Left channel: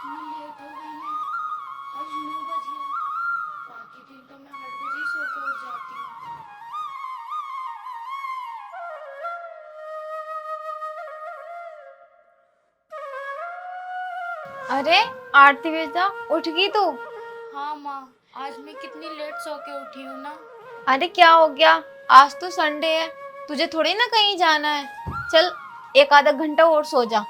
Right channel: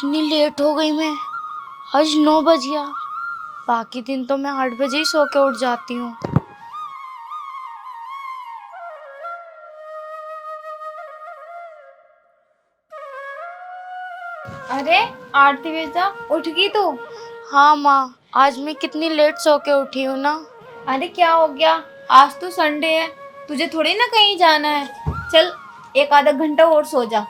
कितनी लेट हो गई मैं। आज 9 बज गया। बाकी दिन तो मैं 8 बजे ही सो के उठ जाती हूँ। अरे आरती बेटा, उठ गई तू? हाँ माँ, आज मैं कितनी लेट सो के उठी हूँ ना। अरे क्या हो गया? आज तो संडे है, तुझे थोड़ी ना कहीं जाना है। चल एक आधा घंटा और सो जा।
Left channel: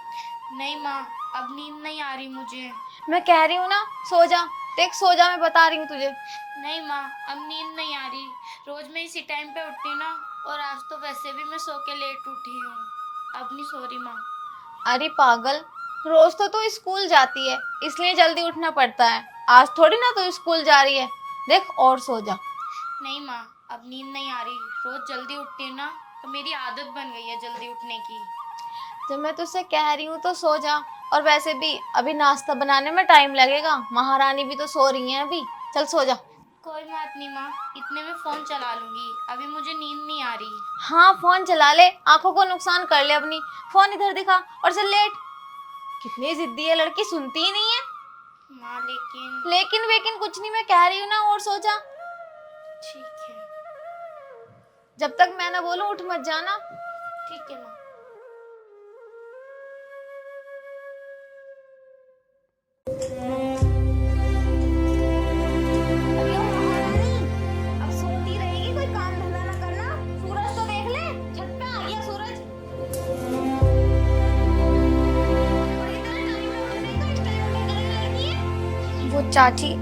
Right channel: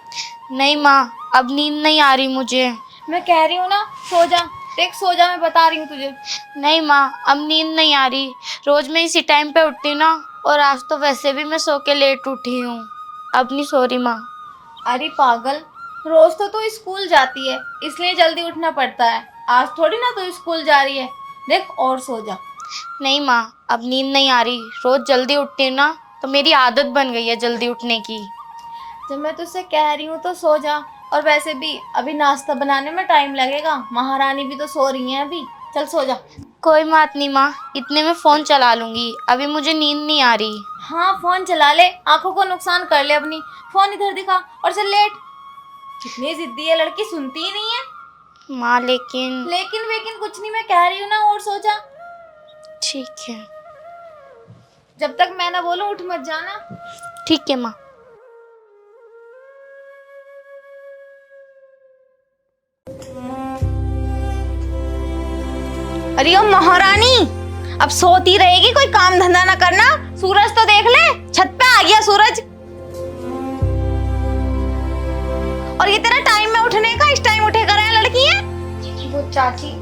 नहीं माँ, अब नींद नहीं आ रही मुझे। मैं कह रही हूँ ना, सो जा। देख सो जा, मैं बता रही हूँ तुझे। नहीं माँ, अब नींद नहीं आ रही। रोज मैं इसी टाइम पे उठती हूँ ना, और आज तो वैसे भी मैं सो के लेट उठी हूँ। अब नहीं सो रही माँ। अरे पागल, रोज तो तू स्कूल जाती है, इसलिए जल्दी उठना पड़ता है। आज थोड़ी ना तू स्कूल जा रही है। देख और सो जा। नहीं माँ, अब नींद नहीं आ रही। रोज जल्दी उठती हूँ ना, तो मेरी आदत बन गई है जल्दी उठने की। जब मैं तुझसे कह रही हूँ तो सो जा। और वैसे भी अभी नाश्ता बनाने में टाइम लगेगा, महारानी भी तो सो रही है अभी। चल सो जा। कोई बात नहीं माँ, इतने में फोन चला लूंगी। अभी मुझे नींद नहीं आ रही। हाँ फोन चला ले, आंखों को नुकसान कर ले अपनी। फोन इधर दिखा और चल लेट। कितनी जिद्दी है लड़की, सुनती ही नहीं है। माँ लेकिन। लेकिन वेकिन कुछ नहीं, मैं कह रही हूँ ना, और सो जा। ठीक है। जब तक मैं ना बोलूं उठ मत जाना। ठीक है माँ। अरे ओ महारानी, अब सोती रहेगी, कोई काम धंधा ना करना। सूरज तो देख ले, छत पे आ गया सूरज। और ये तेरा टाइम में उठने का, इस टाइम उठे कर है लड़की है। वो चाची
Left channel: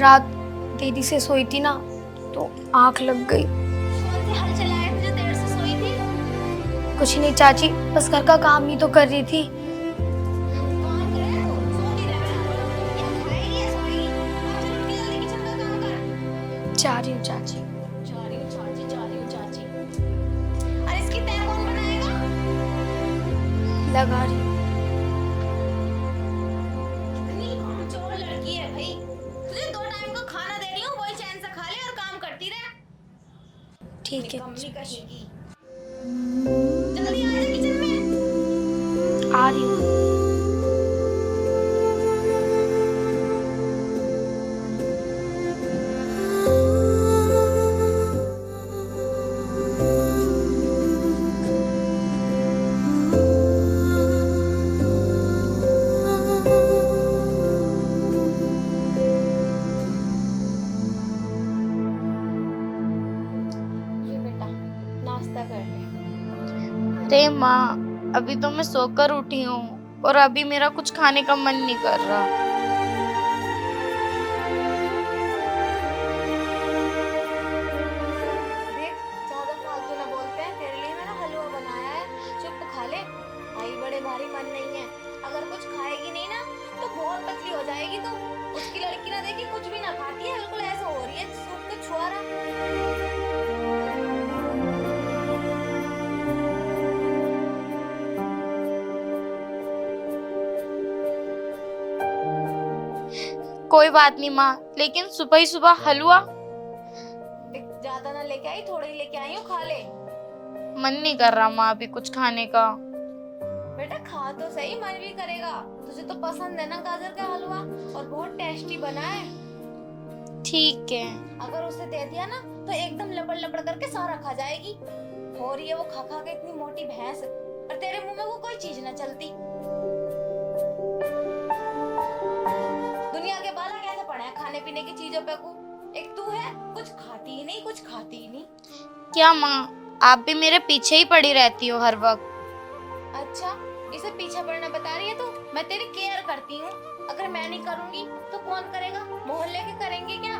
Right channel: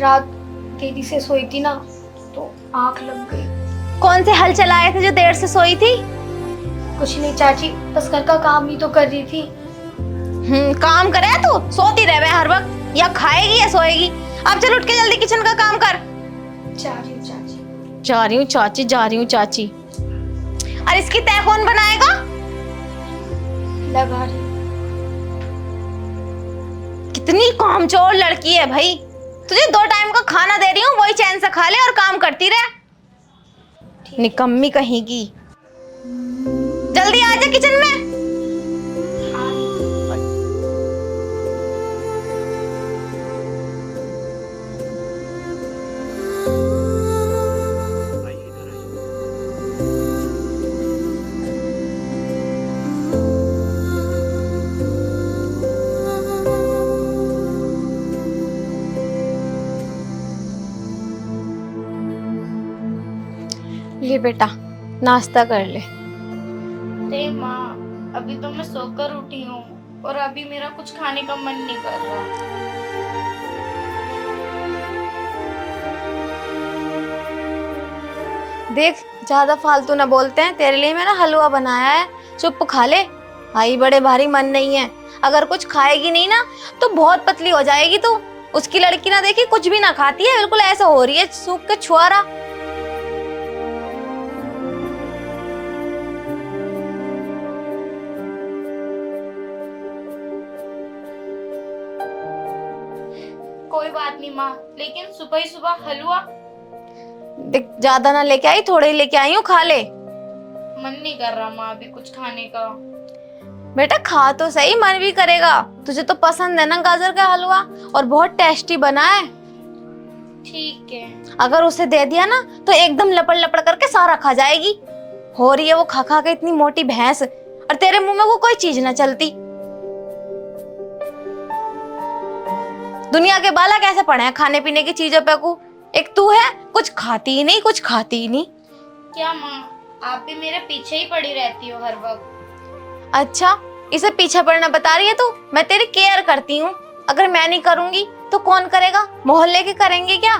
रात देरी से सोई थी ना, तो आंख लग गई। कौन से हल चलाए थे जो देर से सोई थी? कुछ नहीं चाची, बस घर का काम ही तो कर रही थी। काम करे तू, सोती रहे हर वक्त। या खाएगी या सोएगी। अब चल उठ के जल्दी किचन का काम कर। जा रही हूँ चाची। जा रही हूँ चाची, जा रही हूँ चाची। और इसकी तय कौन बनाएगा? लगा रही। कितनी कामचोर लड़की है भाई। तुझे 2 टाइम का खाना दे रही हूँ, वही चैन से खा ले और काम करती रहे। ठीक है। निकम्मी कहीं की। जल्दी आ जा किचन में। आ रही हूँ। ले बेटा, नाश्ता कर ले। अरे माँ, अभी तो मैं सोकर उठी हूँ और अभी मेरा कुछ खाने का मन नहीं कर रहा। देख ज्यादा फालतू ना बोलते हैं, तेरे लिए मैंने हलवा बनाया है, चुप खा ले। भाई बड़े भारी मन नहीं है। अगर कुछ खाएगी नहीं ना तो बहुत पतली हो जाएगी तू। उसकी लड़की ना देखी, कुछ भी ना खाती है, बिल्कुल ऐसा हो रही है सूख के छुआरा। कोई बात नहीं माँ, लेकिन सुबह ही सुबह हलवा? देख ज्यादा ना लेके आई, थोड़े ही लेके आई हूँ, खा ले। मन नहीं कर रहा माँ अभी कुछ खाने का। बेटा खा तो सही, मन भी करेगा। तुझे तो पसंद है ना गाजर का हलवा, और बहुत टेस्टी बना है। ठीक है। अगर उसे दे दिया ना तो एकदम लपड़ लपड़ करके सारा खा जाएगी। हो रही है वो खा खा के इतनी मोटी भैंस, और तेरे मुंह में वो कोई चीज ना चलती। दुनिया के बाला कैसे पड़े हैं खाने पीने की चीजों पे को। एक तू है, कुछ खाती ही नहीं, कुछ खाती ही नहीं। क्या माँ, आप भी मेरे पीछे ही पड़ी रहती हो हर वक्त? अच्छा, इसे पीछे पड़ना बता रही है तू? मैं तेरी केयर करती हूँ। अगर मैं नहीं करूंगी तो कौन करेगा? मोहल्ले के करेंगे क्या?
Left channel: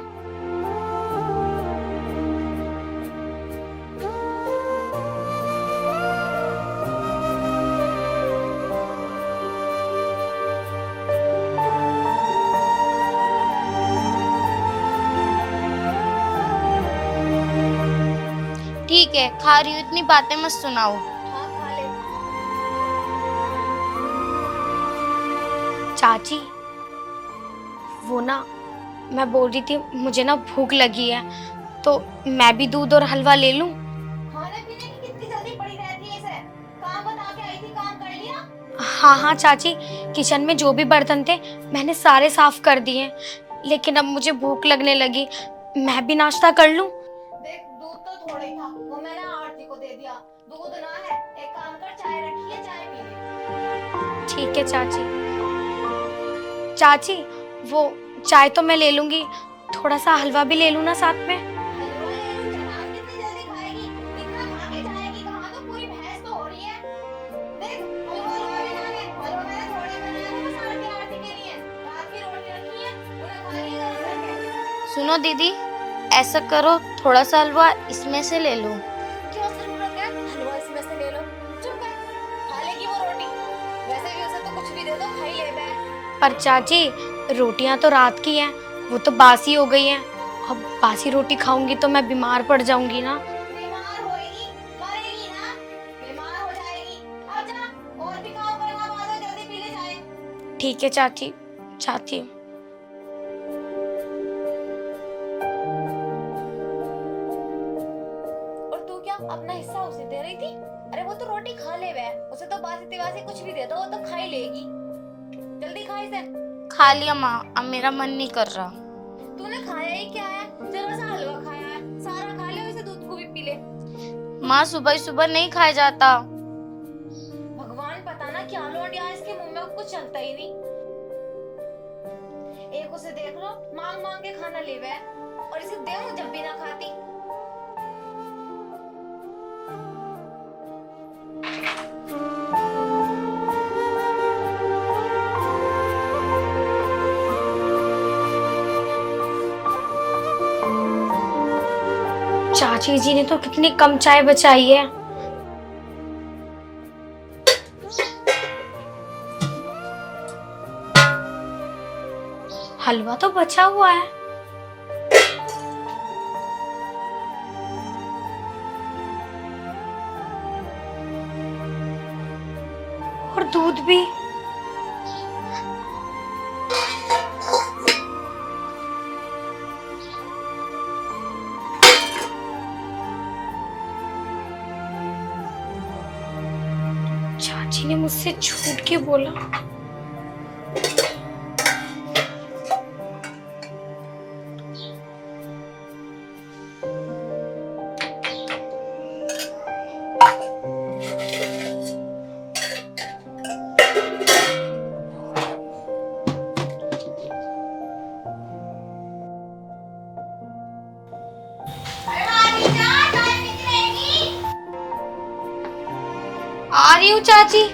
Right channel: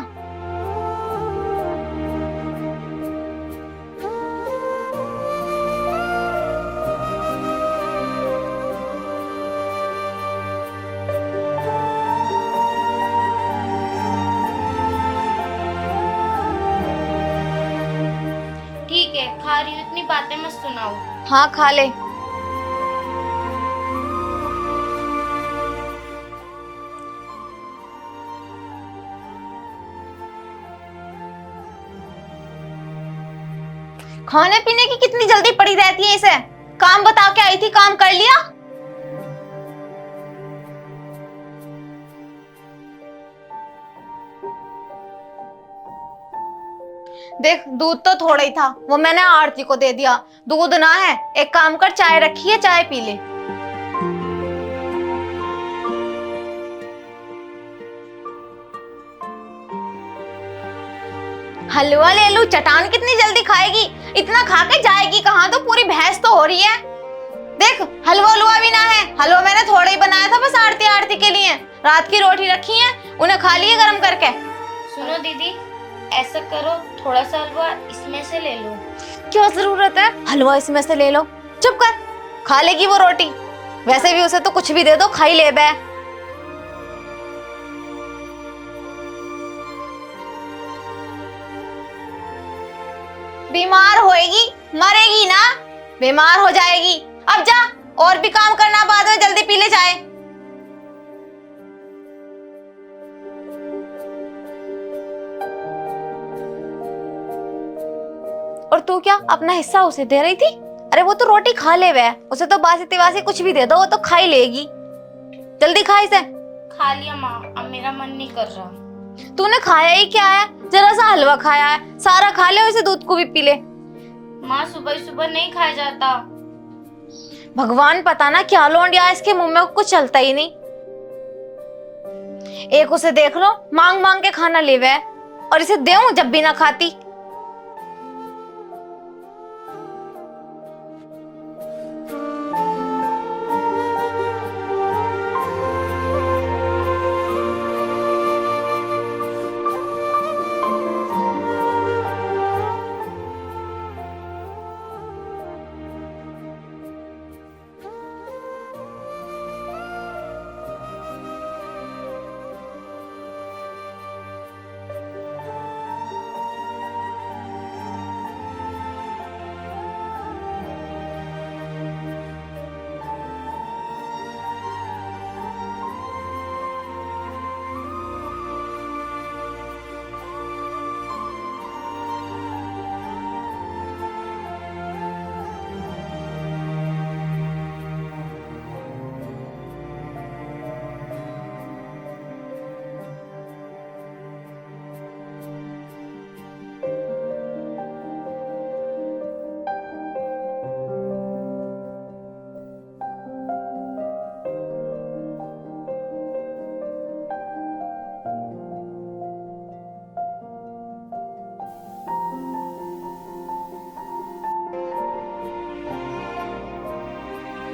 ठीक है, खा रही हूँ, इतनी बातें मत सुनाओ। हाँ खा ले। चाची वो ना, मैं बोल रही थी मुझे ना भूख लगी है, तो मैं भी दूध और हलवा ले लूं? खाने पीने की कितनी जल्दी पड़ी रहती है इसे। काम बता के आई थी, काम कर लिया? हाँ हाँ चाची, किचन में जो भी बर्तन थे मैंने सारे साफ कर दिए, लेकिन अब मुझे भूख लगने लगी। मैं भी नाश्ता कर लूं? देख, दूध तो थोड़ा ही था, वो मैंने आरती को दे दिया। दूध ना है, एक काम कर, चाय रखी है, चाय पी ले। ठीक है चाची। चाची, वो चाय तो मैं ले लूंगी, थोड़ा सा हलवा भी ले लूं ना साथ में? हलवा ले लूं? चटान कितनी जल्दी खाएगी? इतना खा के जाएगी कहाँ? तो पूरी भैंस तो हो रही है। देख, हलवा उलवा भी ना है। हलवा मैंने थोड़ा ही बनाया था, बस आरती आरती के लिए। रात की रोटी रखी है, उन्हें खा लिए गरम करके। सुनो दीदी, ऐसा करो, थोड़ा सा हलवा इसमें से ले लो। क्या जरूरत है हलवा इसमें से ले लो? चुप कर, खा लेगी वो रोटी। वैसे भी उसे तो कुछ भी दे दो, खा ही ले बे। पर चाची, रोटियां तो रात की हैं, वो तो बासी हो गई हैं। अब बासी रोटी खाऊंगी तो मैं बीमार पड़ जाऊंगी ना। बीमार होएगी, मरेगी ना, बीमार हो जाएगी। अब जा, और भी काम करना, बाद में जल्दी पी ले चाय। ठीक है चाची, चाहती हूँ। और तू क्या अपना हिस्सा उसे दे रही थी? अरे वो तो रोटी खा ले वे, उसे तो बासी तिवासी कुछ भी दे दो, वो तो खा ही लेगी। जल्दी खा इसे। खा लिया माँ, अब मेरा मन नहीं कर रहा। तूने खाया ही क्या है? जरा सा हलवा खाया है, सारा खा ले और इसे दूध को भी पी ले। माँ, सुबह सुबह नहीं खाया जाता। भगवान पता ना क्या लोंडिया, इसके मुंह में कुछ चलता ही नहीं। एक उसे देख लो, मांग मांग के खाना ले वे, और इसे देऊं जब भी ना खाती। चाची जी ने तो कितनी कम चाय बचाई है। हलवा तो बचा हुआ है। और दूध भी। चाची ने मुझसे झूठ क्यों बोला? आ रही हूँ चाची।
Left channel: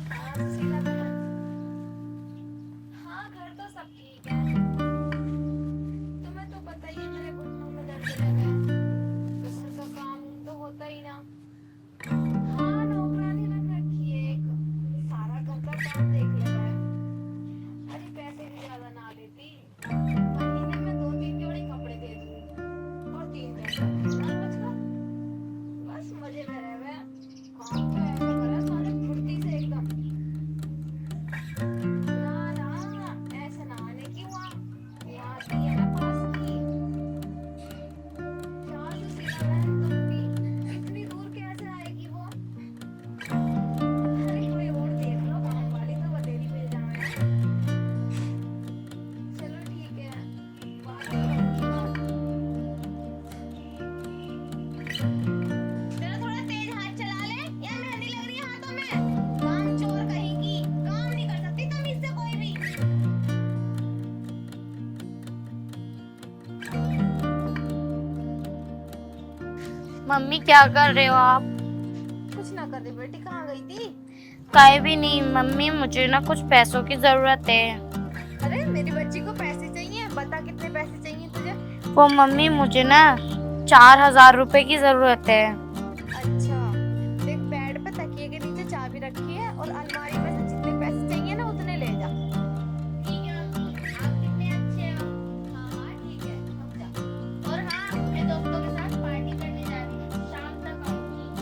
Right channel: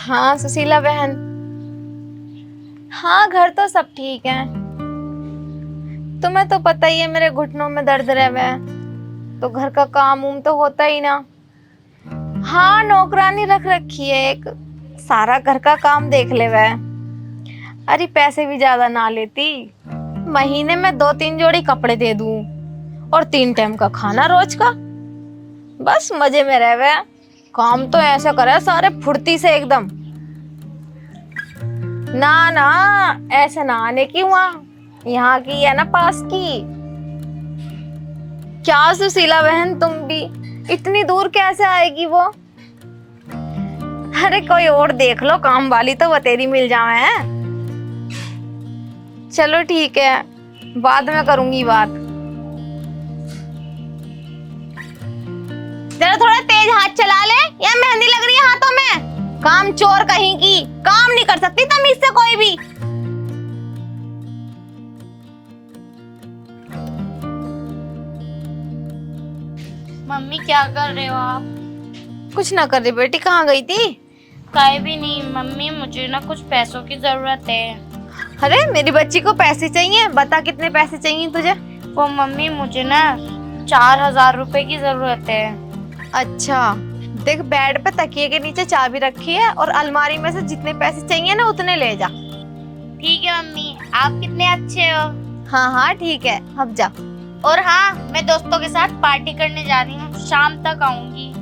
हाँ सुशीला बहन, हाँ घर तो सब ठीक है। तुम्हें तो पता ही है मेरे घुटनों में दर्द रहे, तो घर का काम उम तो होता ही ना। हाँ नौकरानी रख रखी है एक, सारा घर का काम देख ले वह। अरे पैसे भी ज्यादा ना लेती, महीने में 2-3 जोड़ी कपड़े दे दूं और 3 टाइम का खाना रोज का, बस मजे में रह वह। काम तो ऐसा करे सारे फुर्ती से एकदम। ना ना ऐसे ना आने की, वहाँ यहाँ की है ना पास की। क्या सुशीला बहन तुम भी इतनी दूर कैसे आएगी वो? अरे कोई और देख लो काम वाली, तो बतेरी मिल जाए हैं। चलो ठीक है, बाद में करूंगी बात। जरा थोड़ा तेज हाथ चला ले, या मेहंदी लग रही है हाथों में? काम चोर कहीं की, काम नहीं कर सकती तमीज से कोई भी। मम्मी क्या कर रहे हो आप? कुछ ना कर रही बेटी, कहाँ गई थी? कहीं भी नहीं मम्मी, मुझे ना कुछ पैसों की जरूरत है। अरे मेरी बच्ची को पैसे चाहिए, बता कितने पैसे चाहिए तुझे? वो मम्मी मुझे ना 4000 रुपए की जरूरत है। अच्छा देख, बेड पे तकिए के नीचे चाबी रखी है, और अलमारी में से जितने पैसे चाहिए ना उतने ले जा। ठीक है मम्मी, आप कितने अच्छे हो। हाँ हाँ ठीक है, अब जा। और हाँ, मैं दोस्तों के साथ पार्टी करने जा रही हूँ, शाम तक आऊंगी।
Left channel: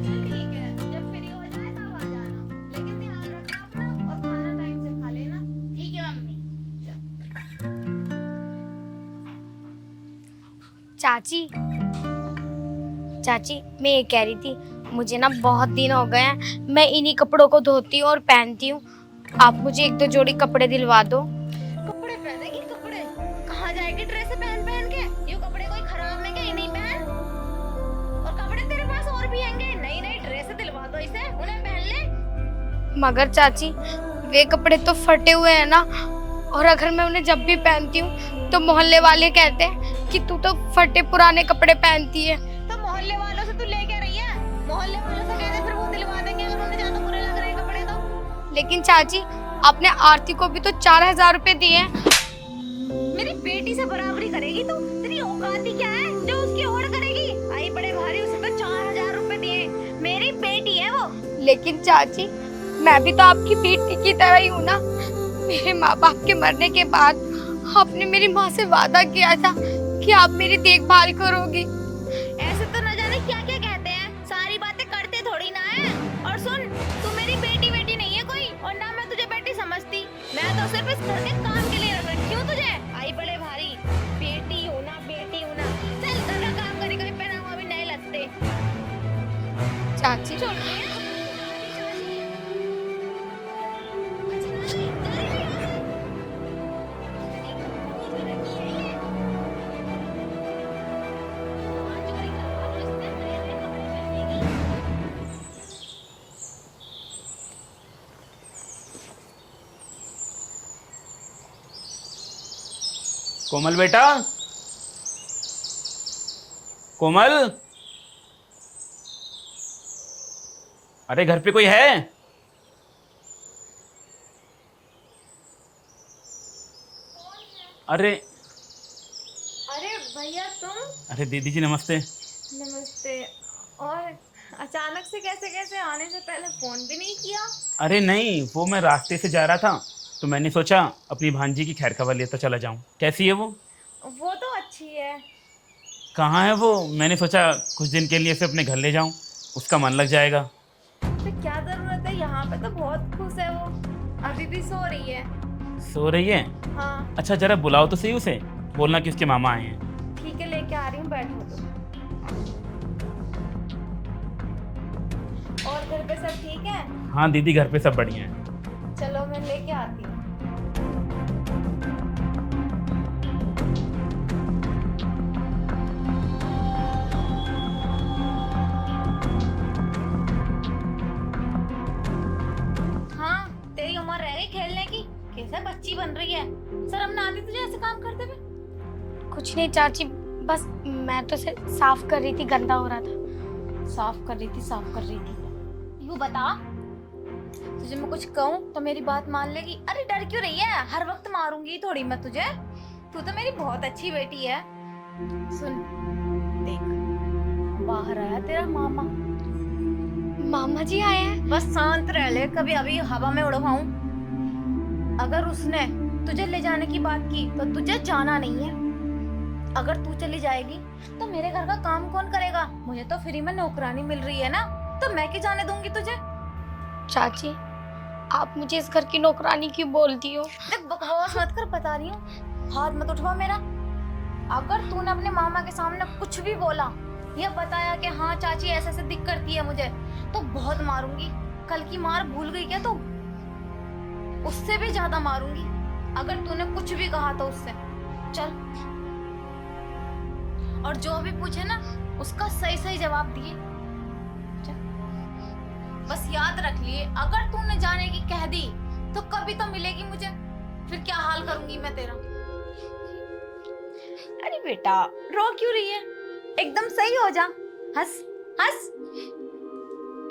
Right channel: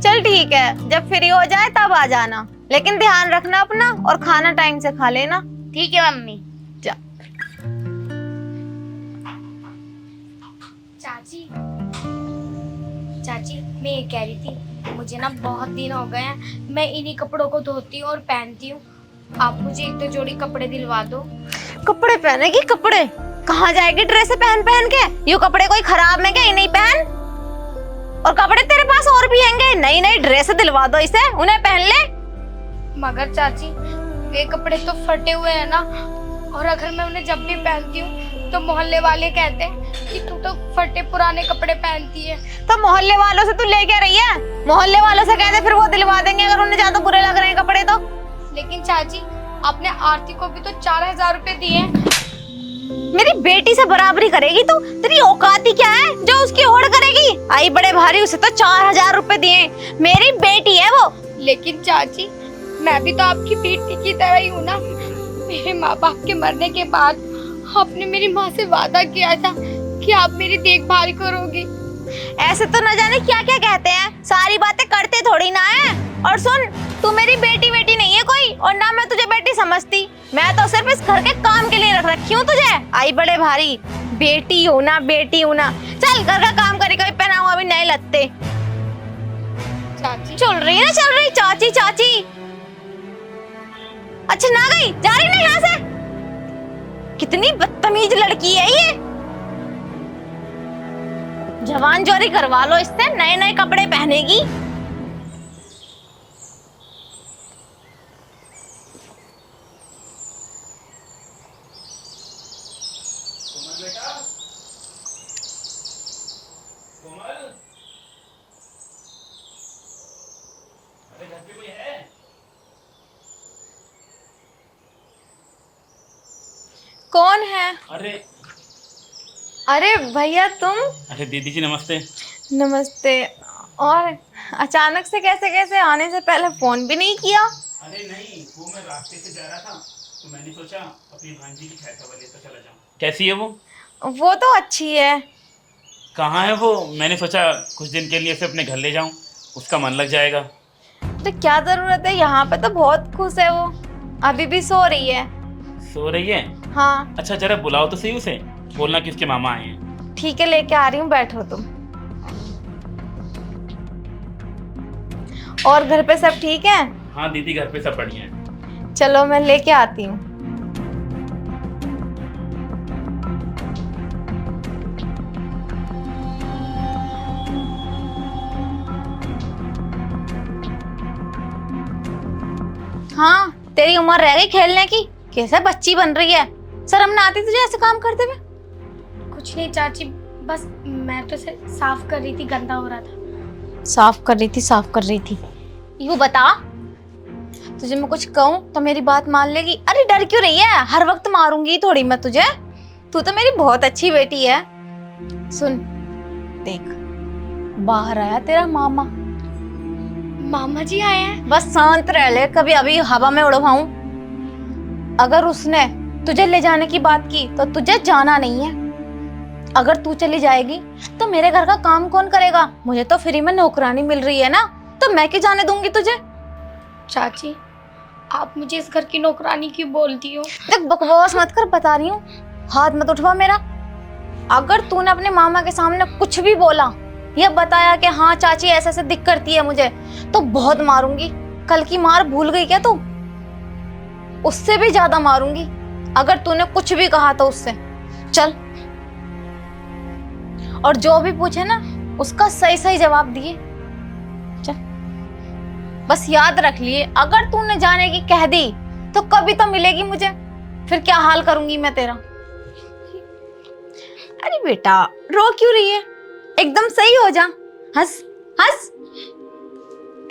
चल ठीक है, जब फ्री हो जाए तब आ जाना, लेकिन ध्यान रखना अपना और खाना टाइम से खा लेना। ठीक है मम्मी। जा। चाची, चाची मैं ये कह रही थी, मुझे ना बहुत दिन हो गए हैं, मैं इन्हीं कपड़ों को धोती हूँ और पहनती हूँ। आप मुझे एक दो जोड़ी कपड़े दिलवा दो। कपड़े पहनेगी? कपड़े कहाँ जाएगी ड्रेस पहन पहन के? ये कपड़े कोई खराब है क्या? ये नहीं पहन। और कपड़े तेरे पास और भी हैंगे, नई नई ड्रेस दिलवा दो इसे, उन्हें पहन ले। मगर चाची वे कपड़े तो फटे हुए हैं ना, और अगर मैं उन्हें जब भी पहनती हूँ तो मोहल्ले वाले कहते हैं कि तू तो फटे पुराने कपड़े पहनती है। तो मोहल्ले वालों से तू ले क्या रही है? मोहल्ले वालों से कहते फिर वो दिलवा देंगे अगर उन्हें ज्यादा बुरे लग रहे हैं कपड़े तो। लेकिन चाची आपने आरती को भी तो 4000 रुपए दिए। मेरी बेटी से बराबरी करेगी तू? तेरी औकात ही क्या है जो उसकी होड़ करेगी? आई बड़े भारी, उसे तो 4000 रुपए दिए, मेरी बेटी है वो। लेकिन चाची मैं भी तो आपकी बेटी की तरह ही हूँ ना। मेरे माँ बाप के मरने के बाद आपने मेरी माँ से वादा किया था कि आप मेरी देखभाल करोगी। ऐसे तो न जाने क्या क्या कहते हैं, सारी बातें करते थोड़ी ना है। और सुन, तू मेरी बेटी बेटी नहीं है कोई, और ना मैं तुझे बेटी समझती। मैं तो सिर्फ इस घर के काम के लिए रख रखी हूँ तुझे। आई बड़े भारी, बेटी हो ना बेटी हो ना। चल घर का काम करी, कभी पहना हुआ भी नए लगते। चाची चल रही है ना, चल रही चाची चाची। अच्छा ना गई, जा रही ना यहाँ से। कितनी बदतमीज लड़की है ये। जवान जोरी करवा लो इससे, नए नए कपड़े पहनेगी। कोमल बेटा, कोमल, अरे घर पे कोई है? कौन है? अरे अरे भैया तुम? अरे दीदी जी नमस्ते। नमस्ते। और अचानक से कैसे कैसे, आने से पहले फोन भी नहीं किया? अरे नहीं, वो मैं रास्ते से जा रहा था तो मैंने सोचा अपनी भांजी की खैर खबर लेता चला जाऊं। कैसी है वो? वो तो अच्छी है। कहाँ है वो? मैंने सोचा कुछ दिन के लिए से अपने घर ले जाऊं, उसका मन लग जाएगा। तो क्या जरूरत है, यहाँ पे तो बहुत खुश है वो, अभी भी सो रही है। सो रही है? हाँ अच्छा जरा बुलाओ तो सही उसे, बोलना कि उसके मामा आए हैं। ठीक है, लेके आ रही हूँ, बैठो तुम। और घर पे सब ठीक है? हाँ दीदी घर पे सब बढ़िया है। चलो मैं लेके आती हूँ। हाँ, तेरी उम्र रह गई खेलने की, कैसे बच्ची बन रही है। शर्म ना आती तुझे ऐसे काम करते हुए? कुछ नहीं चाची, बस मैं तो इसे साफ कर रही थी, गंदा हो रहा था। साफ कर रही थी, साफ कर रही थी। यूँ बता, तुझे मैं कुछ कहूँ तो मेरी बात मान लेगी? अरे डर क्यों रही है, हर वक्त मारूंगी थोड़ी मैं तुझे। तू तो मेरी बहुत अच्छी बेटी है। सुन देख, बाहर आया तेरा मामा। मामा जी आए हैं? बस शांत रह ले, कभी अभी हवा में उड़वाऊं। अगर उसने तुझे ले जाने की बात की तो तुझे जाना नहीं है। अगर तू चली जाएगी तो मेरे घर का काम कौन करेगा? मुझे तो फ्री में नौकरानी मिल रही है ना, तो मैं क्यों जाने दूंगी तुझे? चाची आप मुझे इस घर की नौकरानी क्यों बोलती हो? देख बकवास मत कर, बता रही हूँ, हाथ मत उठवा मेरा। अगर तूने अपने मामा के सामने कुछ भी बोला या बताया कि हाँ चाची ऐसे ऐसे दिक्कत करती है मुझे, तो बहुत मारूंगी। कल की मार भूल गई क्या तू? उससे भी ज्यादा मारूंगी अगर तूने कुछ भी कहा तो उससे। चल, और जो भी पूछे ना उसका सही सही जवाब दिए। चल, बस याद रख लिए, अगर तूने जाने की कह दी तो कभी तो मिलेगी मुझे, फिर क्या हाल करूंगी मैं तेरा। अरे बेटा रो क्यों रही है, एकदम सही हो जा, हंस हंस।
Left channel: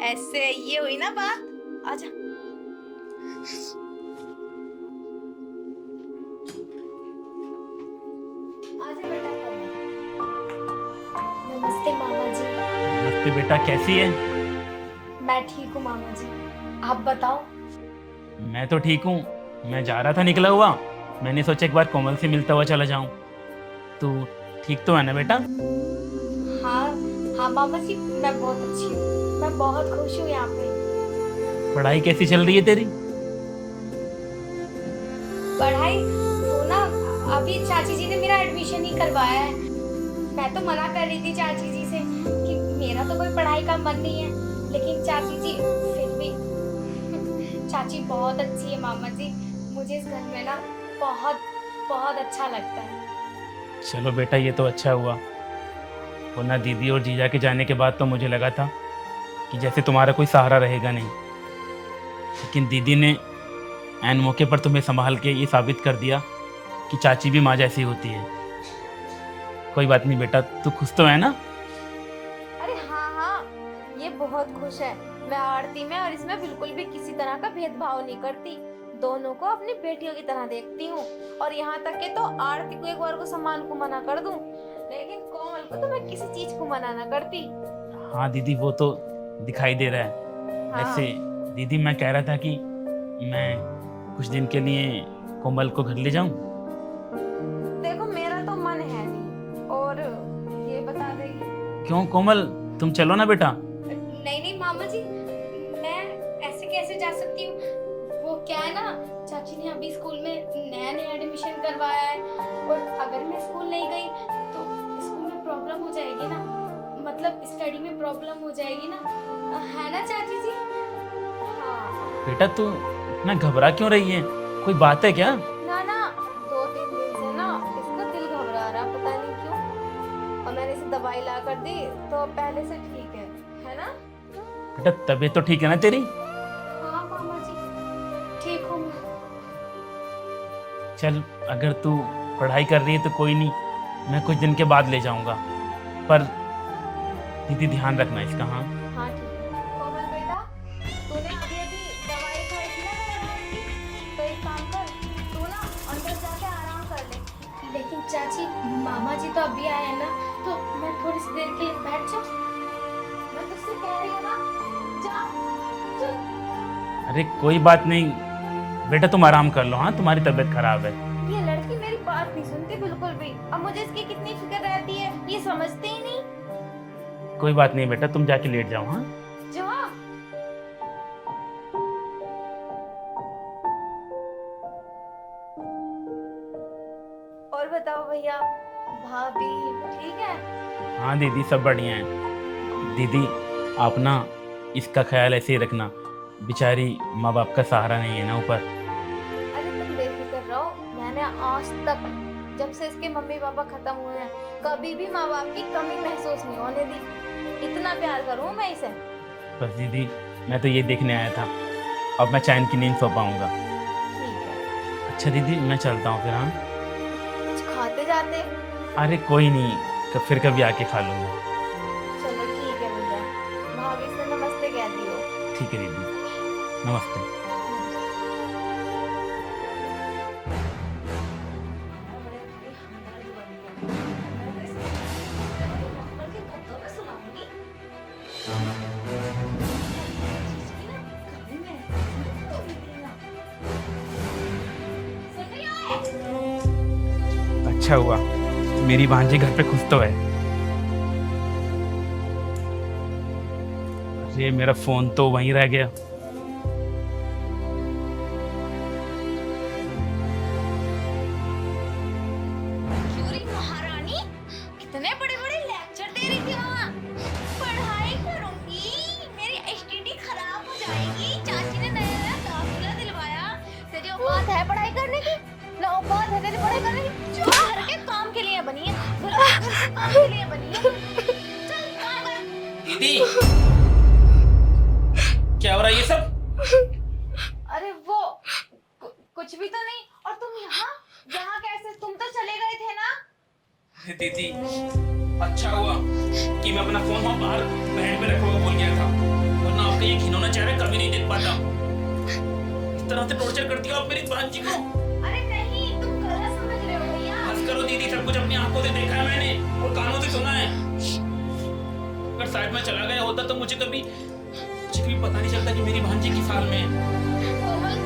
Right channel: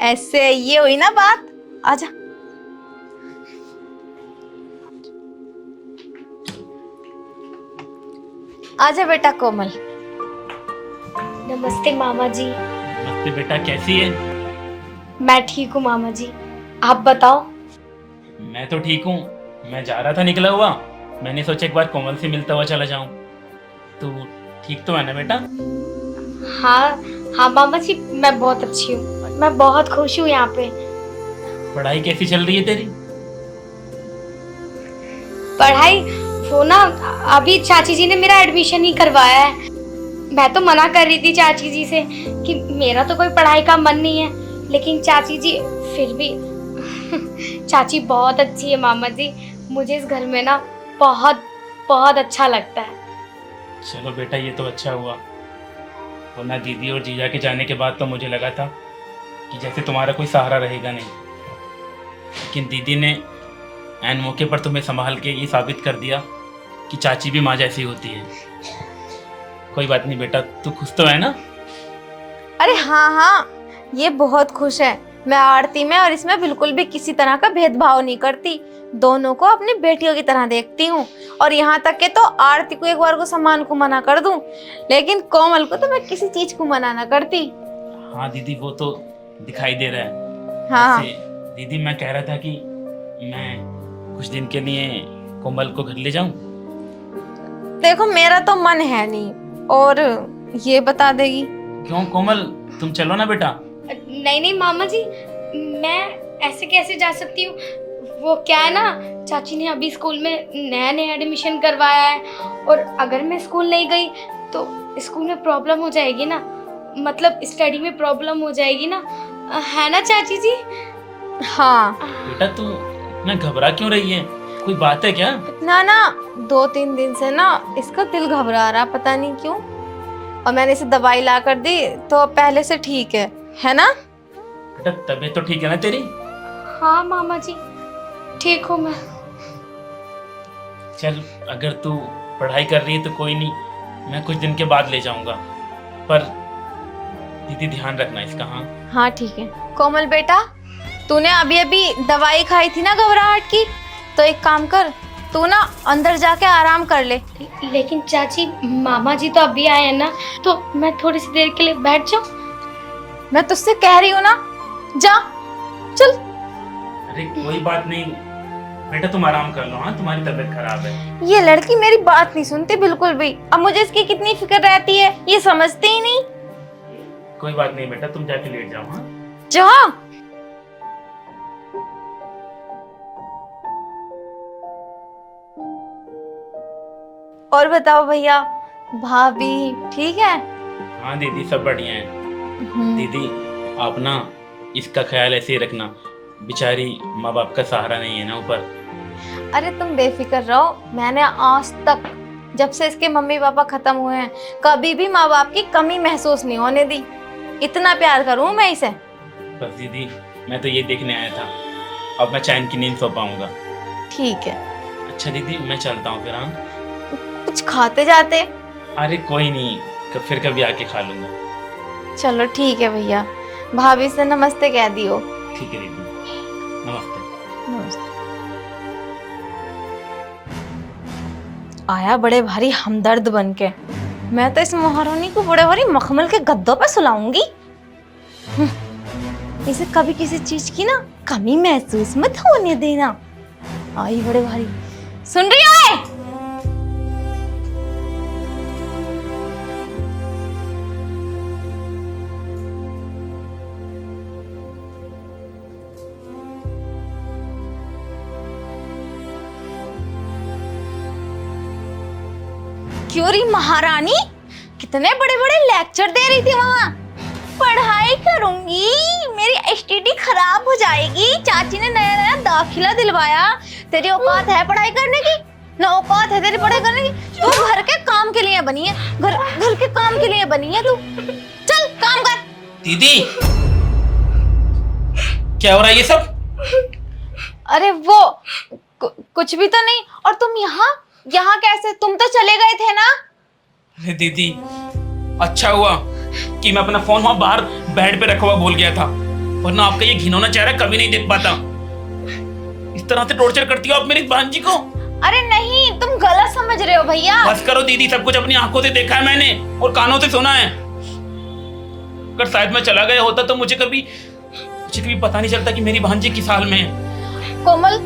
ऐसे ये हुई ना बात, आजा। आजा बेटा कोमल। नमस्ते मामा जी। नमस्ते बेटा, कैसी है? मैं ठीक हूँ मामा जी, आप बताओ। मैं तो ठीक हूँ, मैं जा रहा था निकला हुआ, मैंने सोचा एक बार कोमल से मिलता हुआ चला जाऊं। तो ठीक तो है ना बेटा? हाँ हाँ मामा जी, मैं बहुत अच्छी हूँ, मैं बहुत खुश हूँ यहाँ पे। पढ़ाई कैसी चल रही है तेरी? पढ़ाई वो ना, अभी चाची जी ने मेरा एडमिशन ही करवाया है। मैं तो मना कर रही थी चाची जी से कि मेरा तो कोई पढ़ाई का मन नहीं है, लेकिन चाची जी फिर भी चाची बहुत अच्छी है मामा जी, मुझे इस घर में ना बहुत बहुत अच्छा लगता है। चलो बेटा, ये तो अच्छा हुआ। वरना दीदी और जीजा के जाने के बाद तो मुझे लगा था कि जैसे तुम्हारा कोई सहारा रहेगा नहीं, लेकिन दीदी ने ऐन मौके पर तुम्हें संभाल के ये साबित कर दिया कि चाची भी माँ जैसी होती है। कोई बात नहीं बेटा, तू खुश तो है ना? अरे हाँ हाँ, ये बहुत खुश है। मैं आरती में और इसमें बिल्कुल भी किसी तरह का भेदभाव नहीं करती, दोनों को अपनी बेटियों की तरह देखती हूँ। और यहाँ तक के तो आरती को एक बार को सम्मान को मना कर दूं, लेकिन कोमल को तो मैं किसी चीज को मना ना करती। हाँ दीदी, वो तो दिखाई दे रहा है। हाँ वैसे दीदी, मैं कह रहा था कि मैं कुछ दिन के लिए कोमल को घर ले जाऊं। देखो, मेरा तो मन है नहीं, और ये बता देगी। क्यों कोमल, तुम चलो ना बेटा। नहीं नहीं मामा जी, मैं ऐसे कैसे जा सकती हूँ? वो क्या है ना, चाची ने अभी स्कूल में नया नया एडमिशन करवाया है, और अगर मैं स्कूल नहीं गई तो स्कूल में प्रॉब्लम हो जाएगी ना, मतलब स्टडी में प्रॉब्लम हो जाएगी ना, है ना चाची जी? हाँ बेटा, तू इतना घबरा क्यों रही है? कोई बात है क्या? ना ना, 2-3 दिन से ना इसका दिल घबरा रहा, पता नहीं क्यों। और मैंने इसे दवाई ला कर दी तो अब पहले से ठीक है ना? बेटा, तबीयत तो ठीक है ना तेरी? हाँ मामा जी, ठीक हूँ मैं। चल, अगर तू पढ़ाई कर रही है तो कोई नहीं, मैं कुछ दिन के बाद ले जाऊंगा, पर दीदी ध्यान रखना इसका। हाँ हाँ ठीक है। कोमल बेटा, तूने अभी अभी दवाई खाई थी ना घबराहट की, तो एक काम कर, तू ना अंदर जाके आराम कर ले। लेकिन चाची, मामा जी तो अभी आए हैं ना, तो मैं थोड़ी सी देर के लिए बैठ जाऊं? मैं तुझसे कह रही हूँ ना, जा चल। अरे कोई बात नहीं बेटा, तुम आराम कर लो। हाँ, तुम्हारी तबीयत खराब है। ये लड़की मेरी बात नहीं सुनती बिल्कुल भी। अब मुझे इसकी कितनी फिक्र रहती है, ये समझती ही नहीं। कोई बात नहीं बेटा, तुम जाके लेट जाओ। हाँ, जा। और बताओ भैया, भाभी ठीक है? हाँ दीदी, सब बढ़िया है। दीदी, आप ना इसका ख्याल ऐसे ही रखना, बेचारी माँ बाप का सहारा नहीं है ना ऊपर। अरे तुम बेफिक्र रहो, मैंने आज तक जब से इसके मम्मी पापा खत्म हुए हैं कभी भी माँ बाप की कमी महसूस नहीं होने दी। इतना प्यार करूँ मैं इसे। बस दीदी, मैं तो ये देखने आया था, अब मैं चैन की नींद सो पाऊंगा। ठीक है, अच्छा दीदी, मैं चलता हूँ फिर। हाँ, कुछ खाते जाते। अरे कोई नहीं, फिर कभी आके खा लूंगा। चलो ठीक है भैया, भाभी से नमस्ते कह दियो। ठीक है दीदी, नमस्ते। आया बड़े भारी हमदर्द बन के। मैं तो इस महारानी को बड़े भारी मखमल के गद्दों पे सुलाऊंगी। इसे कभी किसी चीज की ना कमी महसूस मत होने देना। आई बड़े भारी, सुन रही हो? अच्छा हुआ मेरी भांजी घर पे खुश तो है। अरे मेरा फोन तो वहीं रह गया। क्यों री महारानी, कितने बड़े बड़े लेक्चर दे रही थी वहाँ। पढ़ाई करूंगी, मेरी एसटीडी खराब हो जाएगी, चाची ने नया नया दाखिला दिलवाया। तेरी औकात है पढ़ाई करने की? ना औकात है तेरी पढ़ाई करने की? तू घर के काम के लिए बनी है, घर के काम के लिए बनी है तू। चल काम कर। दीदी, क्या हो रहा है ये सब? अरे वो कुछ भी तो नहीं। और तुम यहाँ कैसे? तुम तो चले गए थे ना? अरे दीदी, अच्छा हुआ कि मैं अपना फोन वहां बाहर बेड पे रखा हुआ भूल गया था, वरना आपका ये घिनौना चेहरा कभी नहीं देख पाता। इस तरह से टॉर्चर करती हो आप मेरी भांजी को। अरे नहीं, तुम गलत समझ रहे हो भैया। बस करो दीदी, सब कुछ अपनी आंखों से देखा है मैंने और कानों से सुना है। अगर शायद मैं चला गया होता तो मुझे कभी पता नहीं चलता कि मेरी भांजी किस हाल में है। कोमल,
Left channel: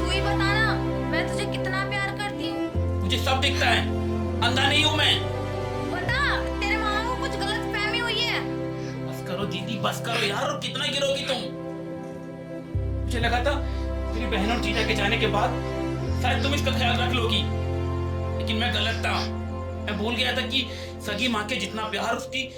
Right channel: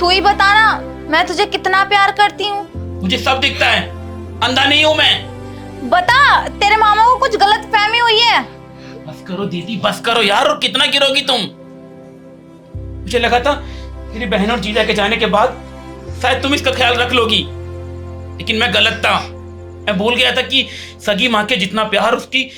तू ही बताना मैं तुझे कितना प्यार करती हूँ। मुझे सब दिखता है, अंधा नहीं हूं मैं। बता, तेरे मामा को कुछ गलत फहमी हुई है। बस करो दीदी, बस करो यार, और कितना गिरोगी तुम। मुझे लगा था तेरी बहन और जीजा के जाने के बाद शायद तुम इसका ख्याल रख लोगी, लेकिन मैं गलत था। मैं भूल गया था कि सगी माँ के जितना प्यार उसकी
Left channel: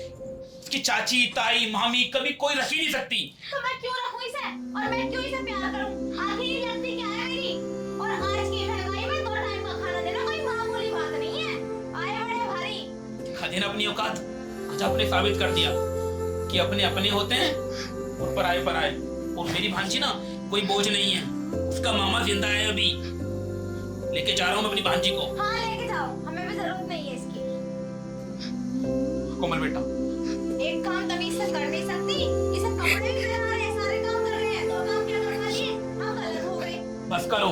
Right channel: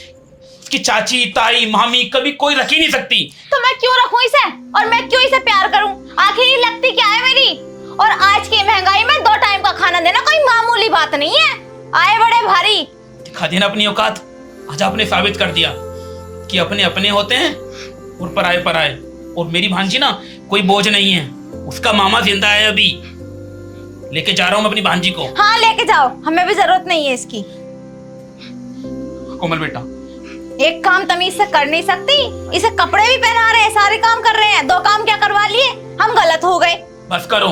चाची, ताई, मामी कभी कोई रख ही नहीं सकती। तो मैं क्यों रखूं इसे, और मैं क्यों इसे प्यार करूं? आखिर ये लगती क्या है मेरी? और आज की महंगाई में 2 टाइम का खाना देना कोई मामूली बात नहीं है। आए बड़े भारी। दिखा देना अपनी औकात। आज आपने साबित कर दिया कि अपने अपने होते हैं और पराए पराए। और मेरी भांजी ना कोई बोझ नहीं है, उसका मामा जिंदा है अभी। लेके जा रहा हूँ मैं अपनी भांजी को। हाँ लेके जाओ, हमें भी जरूरत नहीं है इसकी। कोमल बेटा, एक काम तमीज से कर नहीं सकती? इसे कपड़े भी पहना रहे हैं, सारे काम कर रहे हैं, 2 काम क्या करवा लिए? हम गलत हो गए। बस करो।